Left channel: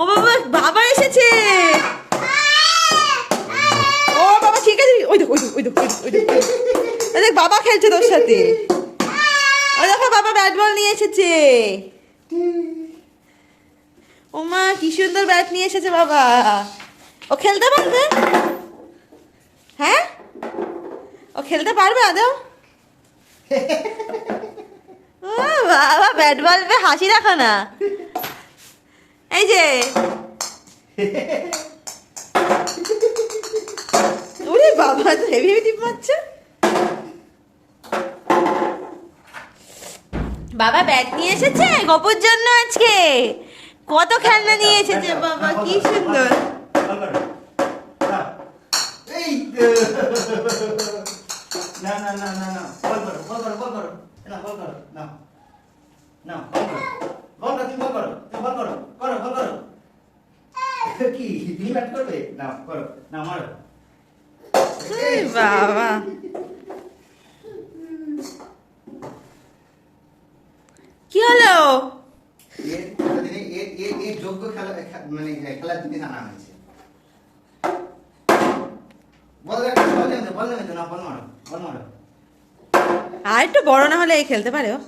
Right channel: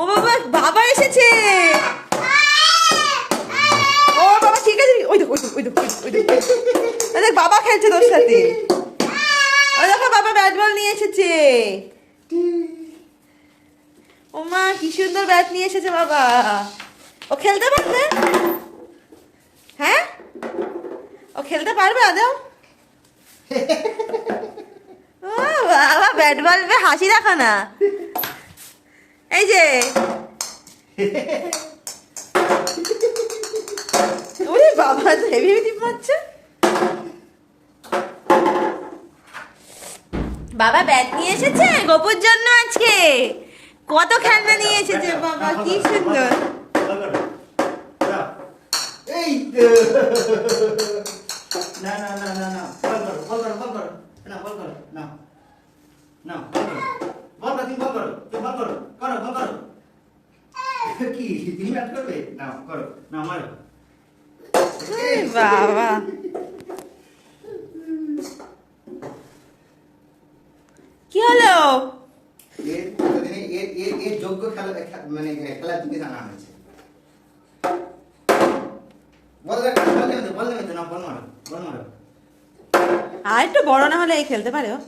ও বাবা বাবা এসেছে। ও বাবা ঠিক আছে ওই দেখ ওই দেখ ওই দেখ ওই দেখ, বাবা খেলছে তোর সাথে। ওই দেখো বাবা ব্যাট বল নিয়ে এসেছে। ও মা কি সুন্দর ব্যাট নিয়ে এসেছে বাবা। ও খেলতে পারবে? হ্যাঁ? ও খেলতে পারবে আদৌ? ও বাবা ব্যাট বল হাসি রাখা না এই যে। ওরে বাবা হেভি হেভি পাচ্ছে। বাবা ব্যাট নিয়ে এসেছে? গোপুর জন্য আজকে। কত খেলনা নিয়ে এসেছে বাবা, কি সুন্দর। না না না না না না না না কি তুমি ব্যাট করবে? না করো না মারো। এই বাবা। কি হলো? যোগ্য খেলা মানে খেলার জিনিস আনা হয়েছে। আর একটু বড় না হলে এই খেলতে পারে ও।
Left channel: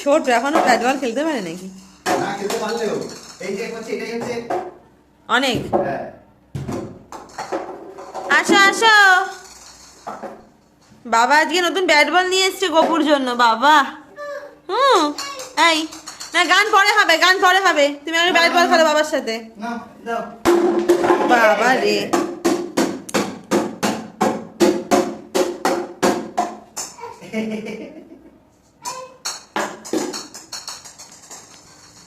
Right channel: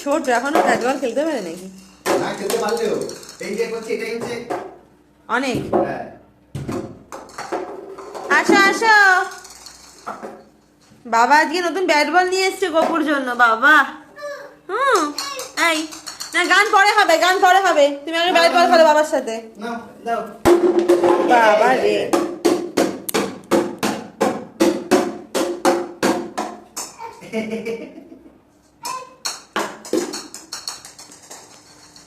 ছোট এখনও ব্যাট বল খেলতে পারে নাকি? পারলেও এই যে করছে এটাই হচ্ছে অনেক। হ্যাঁ। আসো আসো। বাবা আজকে নতুন ব্যাট বল নিয়ে এসছে গোপুর জন্য বাবা। হুম এই। না গান পরে হবে গান পরে হবে। তুমি আমি ব্যাট বল খেলো বাবার সাথে। বাবা রে।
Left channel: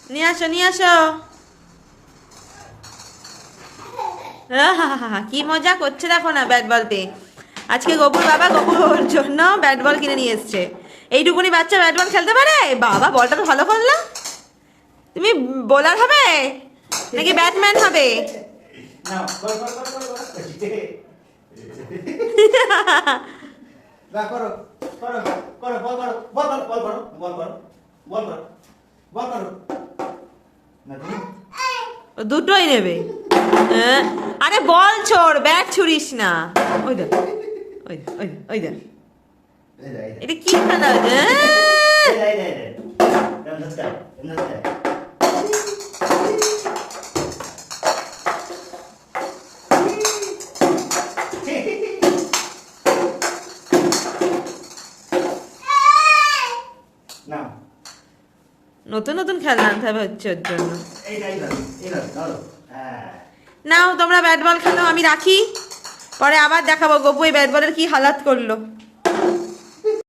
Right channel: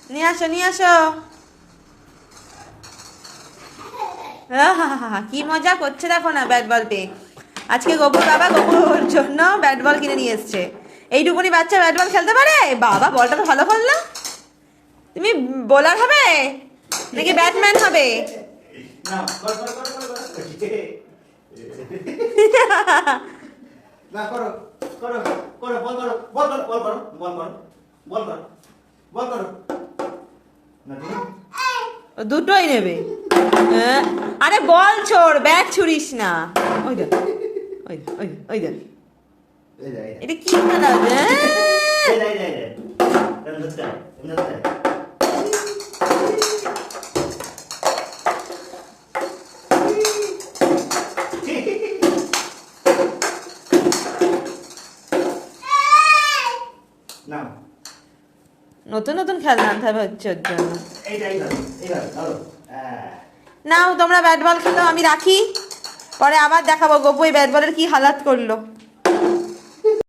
নিয়ে আসো নিয়ে আসো কি মজা করছে দেখো না ব্যাট বল পেয়ে আজকে গোপুর বাবা গোপুর জন্য ব্যাট বল কিনে নিয়ে এসছে এইটুকুনি বাচ্চা ব্যাট বল খেলতে পারে বাবা বলটা তো ভালো করল তুমি বোলার হবে নাকি ব্যাটম্যান হবে বল বল করো করো করো বল করো বল করো বল করো বল করো বল করো দুটোই নেবে। হ্যাঁ? আরে বল ছোড় ব্যাট ছুড়িস না। ওই দেখ ওই দেখ, ওই ওই দেখ। এটা কি খেলা হচ্ছে নতুন নতুন খেলনা আনতে হবে হচ্ছে ওর জন্য। নাও তোমরা ব্যাট বল খেলো আমি রাখি। পরে আবার দেখাবো গপু এই ব্যাট বলের কি হালাত করল।